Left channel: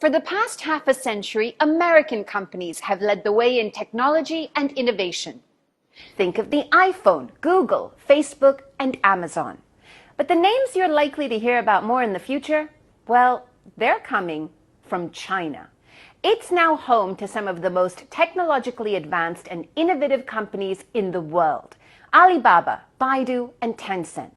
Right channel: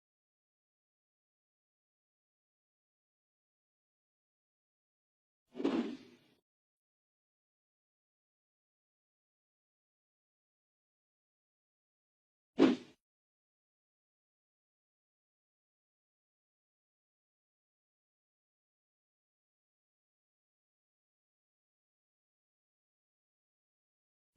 For the past half a century, American companies have led the way in technology and innovation. Think of the iPhone, Google, Facebook, and Amazon. But the names you're likely to hear about more in the future, well, they're coming from China. It's now home to some of the most technologically advanced and innovative companies in the world: Alibaba, Baidu, and Tencent.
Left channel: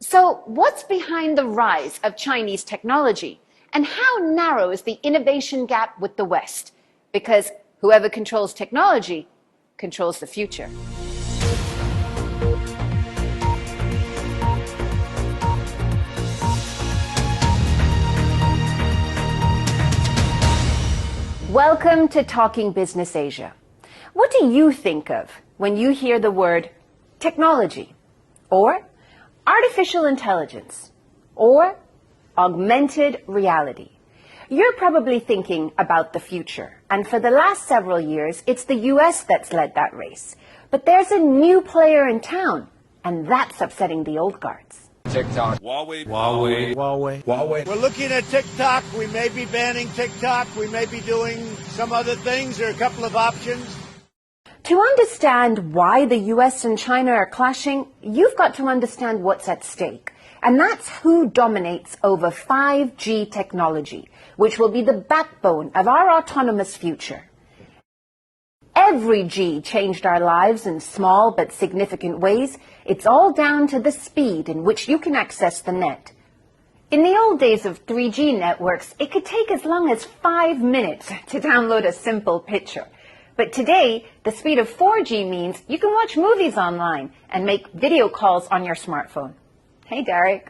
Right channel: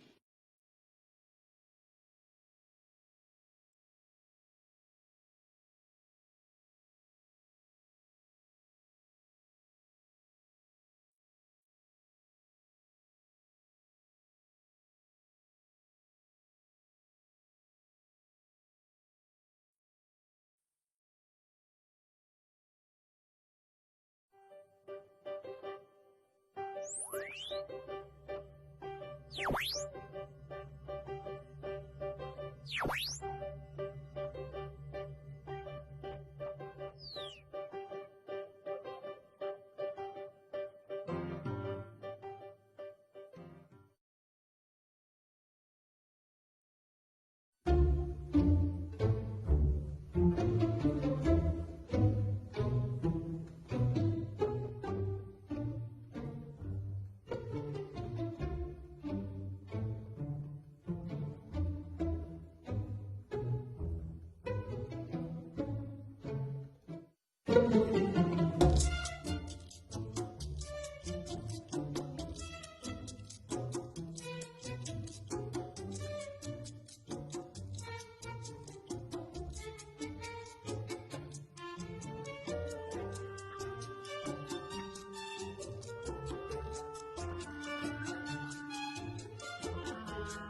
So what's behind the rise of Chinese technology? And how narrow is the innovation gap with the West? Because whoever controls technology controls the future. Welcome to Talking Business Asia. What do you think of when you hear the word technology, or artificial intelligence, or augmented reality? You're probably thinking about the future, and for the last several years, it's the US that's led that race. But there's a new player in town, and that's upsetting the old guards. TikTok. Huawei. We're looking at TikTok. We may be banning TikTok. We may be doing some other things. There are a couple of options. To understand why the US and China are clashing, you've got to understand what's at stake. And that's who dominates over 5G technology, which will be the backbone of our autonomous future. Every G changed our lives in small but significant ways. It's all down to the speed in which you can access the net. In the old days of 3G networks, it could take as long as 5 minutes to download a simple picture. But today, the speed of 4G means you can watch movies online and make video calls on your smartphone. Hey, Derek.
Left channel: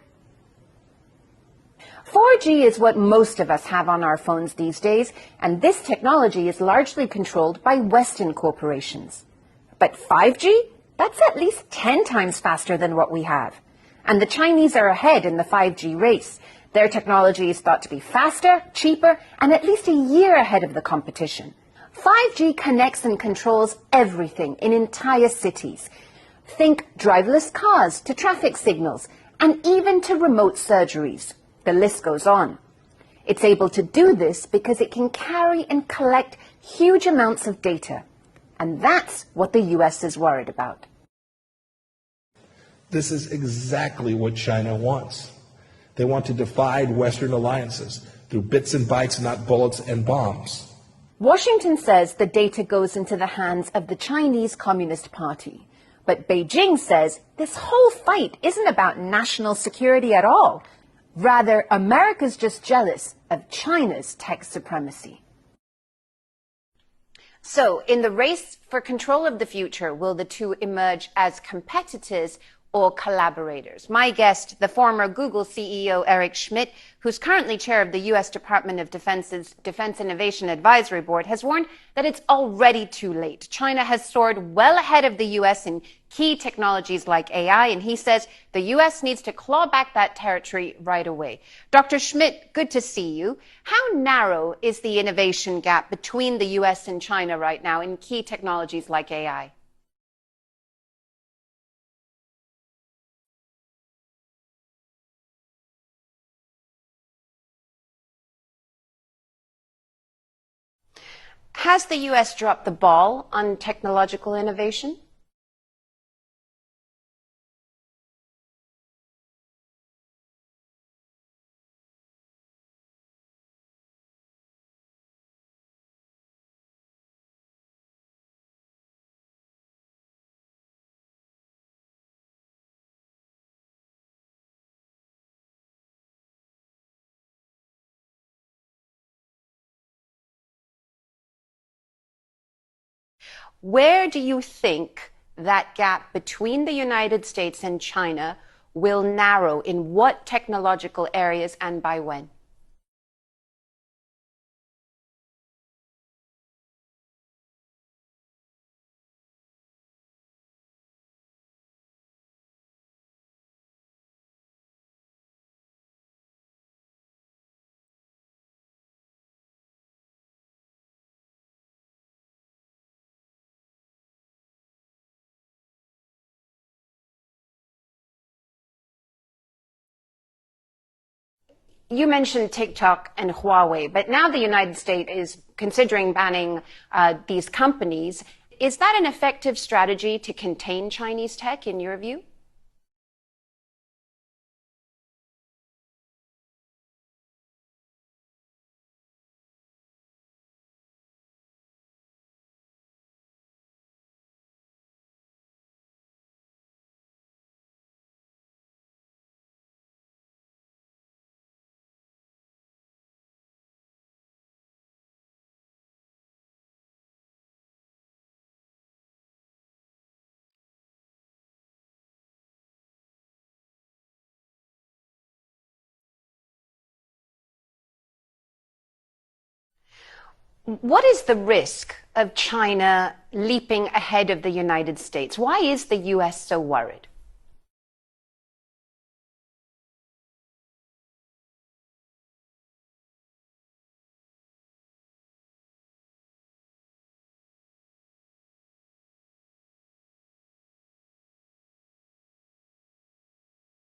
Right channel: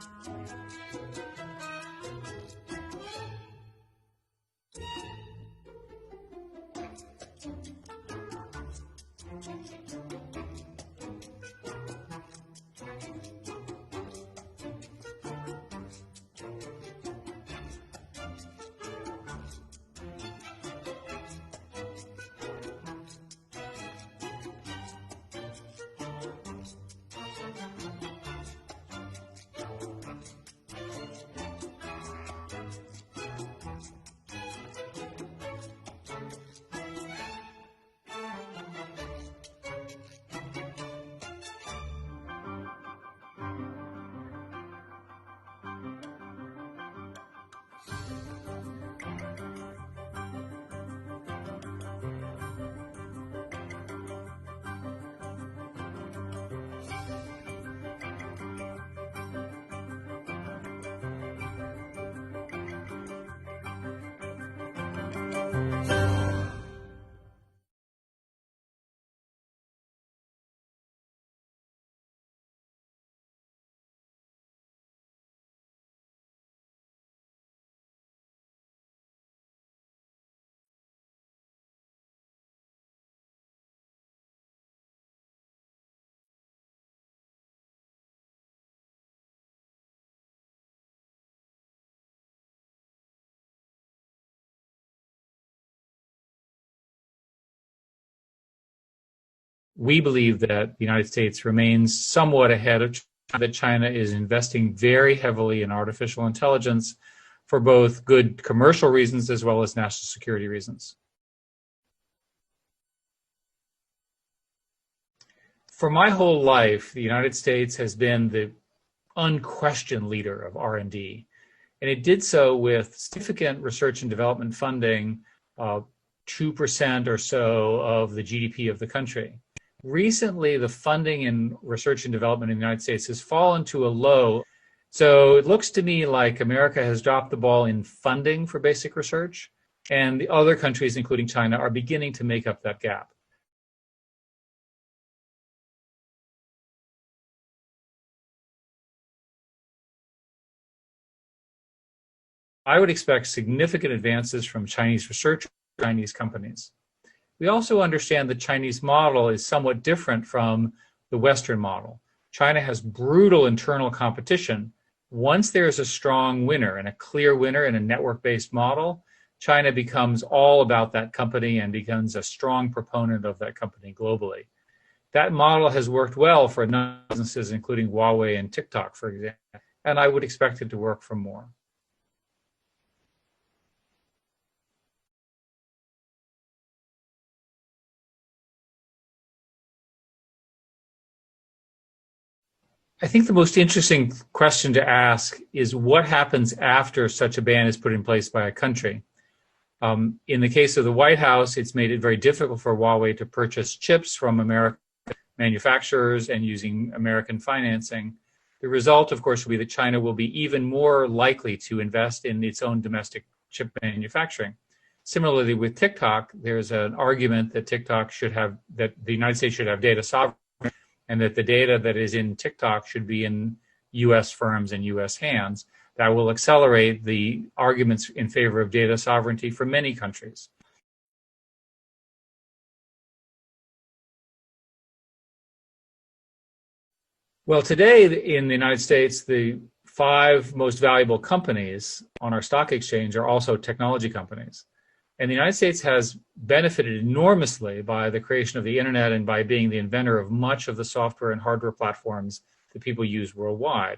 4G is what most of us have on our phones these days, and this technology is largely controlled by Western corporations. But 5G? That's at least 10 times faster than what we have. And the Chinese are ahead in the 5G race. Their technology is thought to be faster, cheaper, and at least a year ahead of the competition. 5G connects and controls everything in entire cities. Think driverless cars to traffic signals, and even to remote surgeries. The list goes on. It's able to do this because it can carry and collect huge amounts of data. And that's what the US is worried about. This is exactly what China wants. They want to divide Western alliances through bits and bytes, not bullets and bombs. Washington says the data goes into the hands of the Chinese Communist Party. But Beijing says this whole fight isn't about national security at all. Rather, America's just jealous of China's tech supremacy. So, in the race for control of the future, will the two emerge as competitors or collaborators? My guest, the former Google CEO Eric Schmidt, who's currently chair of the U.S. Department of Defense's Defense Innovation Advisory Board, has warned that it's already too late. China has soared well ahead of the U.S. in key technologies like AI, and he says the U.S. needs to claw back that territory right away. Dr. Schmidt, good to see you. How narrow is the innovation gap between the U.S. and China right now in key technologies like AI? We believe that the United States remains somewhat ahead of China, that China is investing very heavily in artificial intelligence for both good commercial reasons as well as national security reasons. Has the U.S. dropped the ball on technological innovation? For my whole life, the United States has been the unquestioned leader of R&D, and it did so with significant research and development funding, 2% or so of the GDP of the country. Recently, the funding in research and development in the United States has fallen to a low. So it looks to me like America has dropped the ball in funding for basic research, and the other countries, including China, are beginning to make up that gap. Where do you think that gap between the United States and China will narrow? In what technological areas and by when? I would expect significant advances from Chinese research, Chinese companies. We also understand the Chinese model is somewhat different from the Western model. China has brutal internal competition. Once there's a strong winner and a clear winner in a network-based model, China becomes all about that company and becomes a strong proponent of that company globally. That model has worked well for a number of businesses, including Huawei and TikTok, for example, and I would expect it to work for more. You mentioned TikTok and Huawei, but now the United States is considering banning these companies. Is that an effective strategy to contain Chinese tech, in your view? I think the most interesting question to ask is what happens after such a ban is put in place by a country. In the case of the White House, it's made it very difficult for Huawei to purchase chips from American manufacturers and using American financing. The result, of course, will be that China will be even more likely to invest in its own domestic chip manufacturing. Similarly, with TikTok, there's an argument that that the United States should have data sovereignty, and that the data that is in TikTok should be in U.S. firms and U.S. hands. That will accelerate the arguments in favor of data sovereignty for many countries. What is the risk of China leaping ahead of the United States? Why is the U.S. so worried? Well, today in the United States, the 5 most valuable companies on our stock exchange are also technology companies. And the United States has benefited enormously by the creation of the internet and by being the inventor of much of the software and hardware platforms that people use worldwide.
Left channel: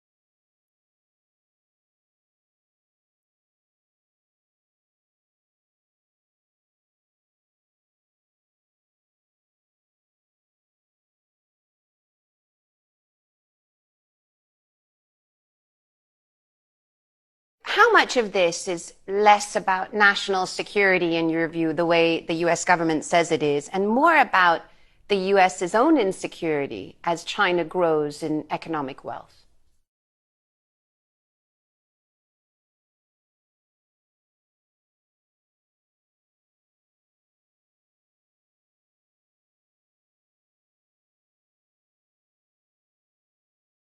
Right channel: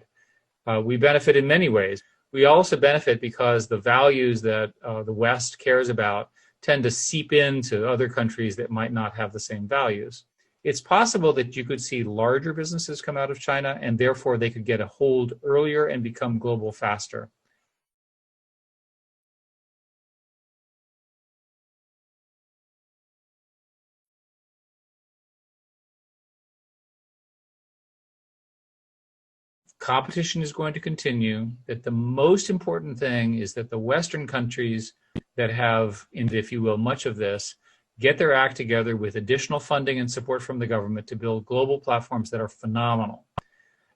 We benefit in many ways. We also benefit because the values that the West cares about tend to seep into other countries that might not have the same values. It's possible that you could see larger businesses come out of China, and therefore they could get a hold earlier and become global faster. How much of this is less about national security, in your view, the way the U.S. government says it is, and more about the U.S.'s own insecurity as China grows in economic wealth? Competition is going to continue. That the most important thing is that the Western countries that have, if you will, much of this, get their act together with additional funding and support from the government to build global platforms that are phenomenal.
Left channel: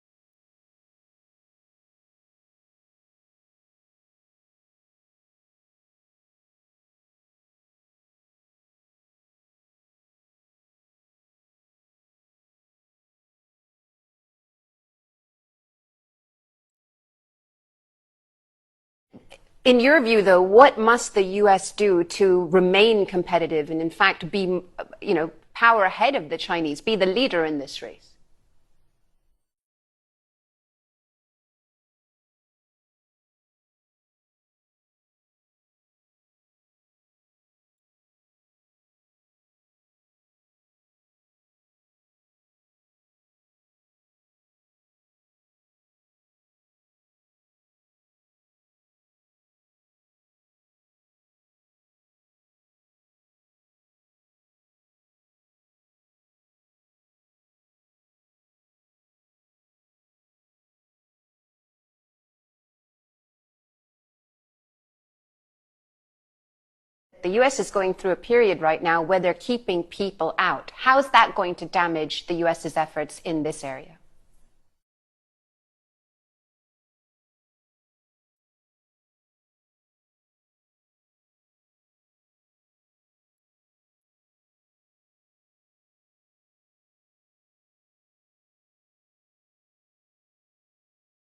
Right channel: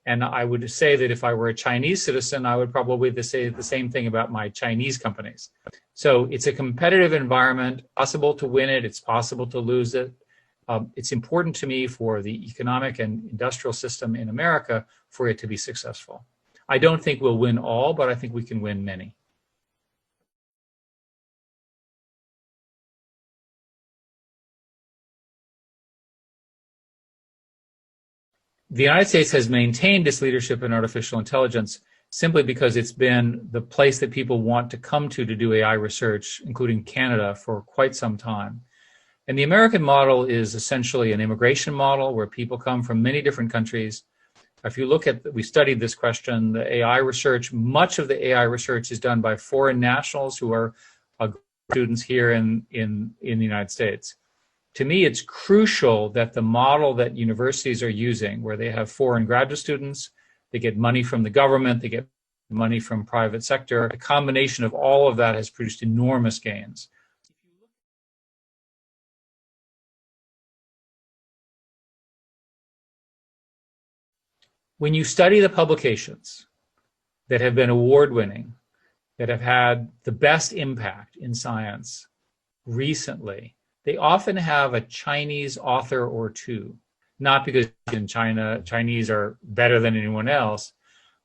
And I would say that if I were a Chinese citizen, I would probably say the same thing about my Chinese companies. So it's a competitive environment, possible to win it, it's possible to lose it. It's important to me for the economic and industrial system in America for it to be successful. I don't think we'll win all, but I think we can win many. In your view, though, what must the U.S. do to remain competitive and, in fact, be, power ahead of the Chinese, be the leader in this race? The United States has maintained its leadership in artificial intelligence simply because it's been the place that people want to come to do AI research, including Canada, for quite some time. And the American model is essentially an immigration model where people come from many different countries. If you look at, we studied this question, the AI research, much of the AI research is done by foreign nationals who are students here in the United States. To me, it's crucial that the model that universities are using, where they have foreign graduate students, they get money from the government, they get money from private sector, a combination of all of that has produced enormous gains. The U.S. is going through a period right now where they're keeping people out. How is that going to damage the U.S.'s efforts in this area? When you study the publications that have been award-winning, that have had the best impact in science recently, they often have a Chinese author or two, not because in China, Chinese are better than anyone else,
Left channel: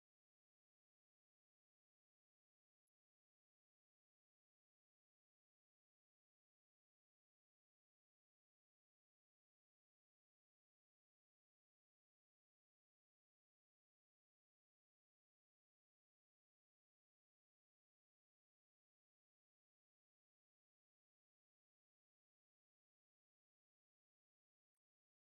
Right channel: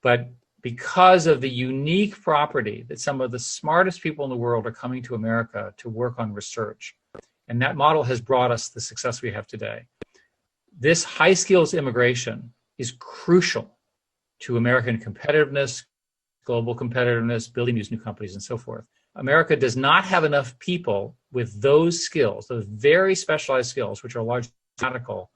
but because of the unique property that some of the smartest people in the world are coming to America to work on research. And that model has brought us the success we have today. This high skills immigration is crucial to American competitiveness, global competitiveness, building these new companies and so forth. America does not have enough people with those skills, those very specialized skills, which are largely technical,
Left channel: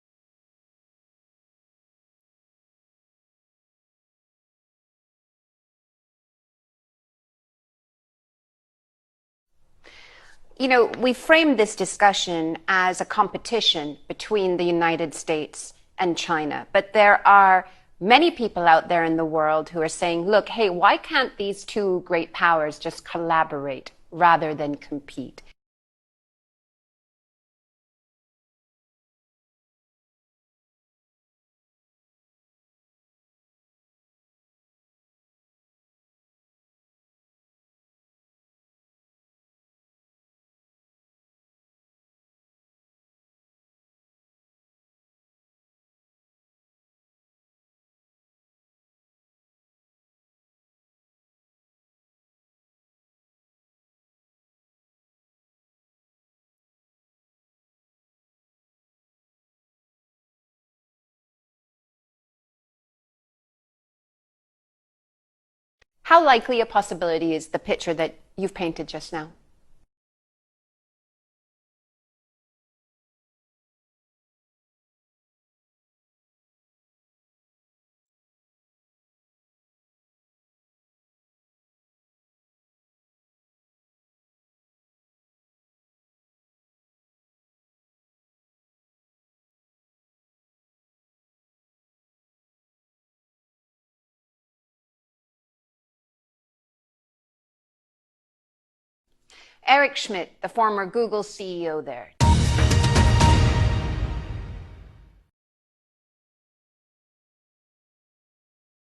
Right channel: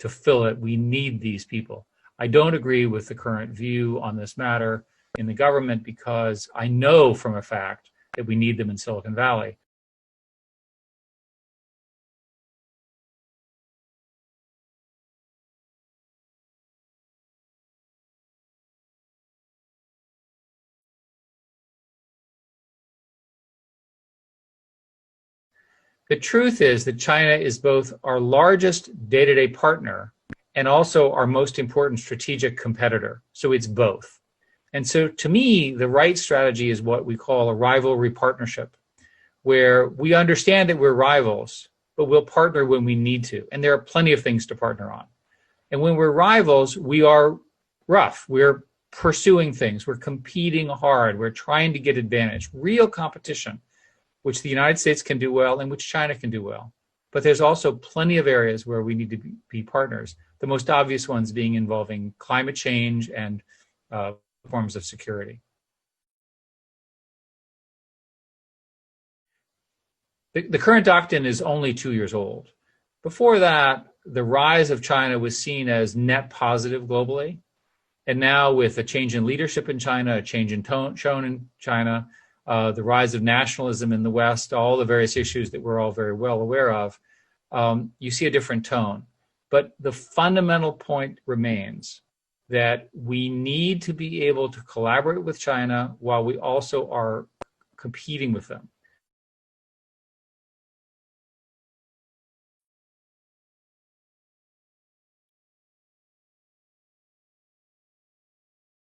to fill it. We need these people. I don't agree with the current view on this matter in the government because I know from a fact that we need them in Silicon Valley. We framed this discussion as a competition between the United States and China, but there are many people out there in the world who are saying, look, hey, why can't these two great powers just collaborate rather than compete? The truth is that China is both our largest day-to-day partner and also our most important strategic competitor. So it's both. And so to me, the right strategy is what we call a rivalry partnership, where we understand that we're rivals, but we'll partner when we need to. And there are plenty of things to partner on. And when we're rivals, we are rough. We're pursuing things. We're competing hard. We're trying to get advantage, real competition, which the United States can do well and which China can do well. But there's also plenty of areas where we need to be partners. The most obvious ones being involving climate change and forms of security. How likely a possibility is the picture that you've painted just now? The current doctrine is only 2 years old. Before that, the rise of China was seen as net positive globally. And now with a change in leadership in China, a change in tone in China, the rise of nationalism in the West, all the various issues that we're all very well aware of, you see a different tone. But the fundamental point remains that we need to be able to collaborate with China while we also are competing with them. Eric Schmidt, the former Google CEO there.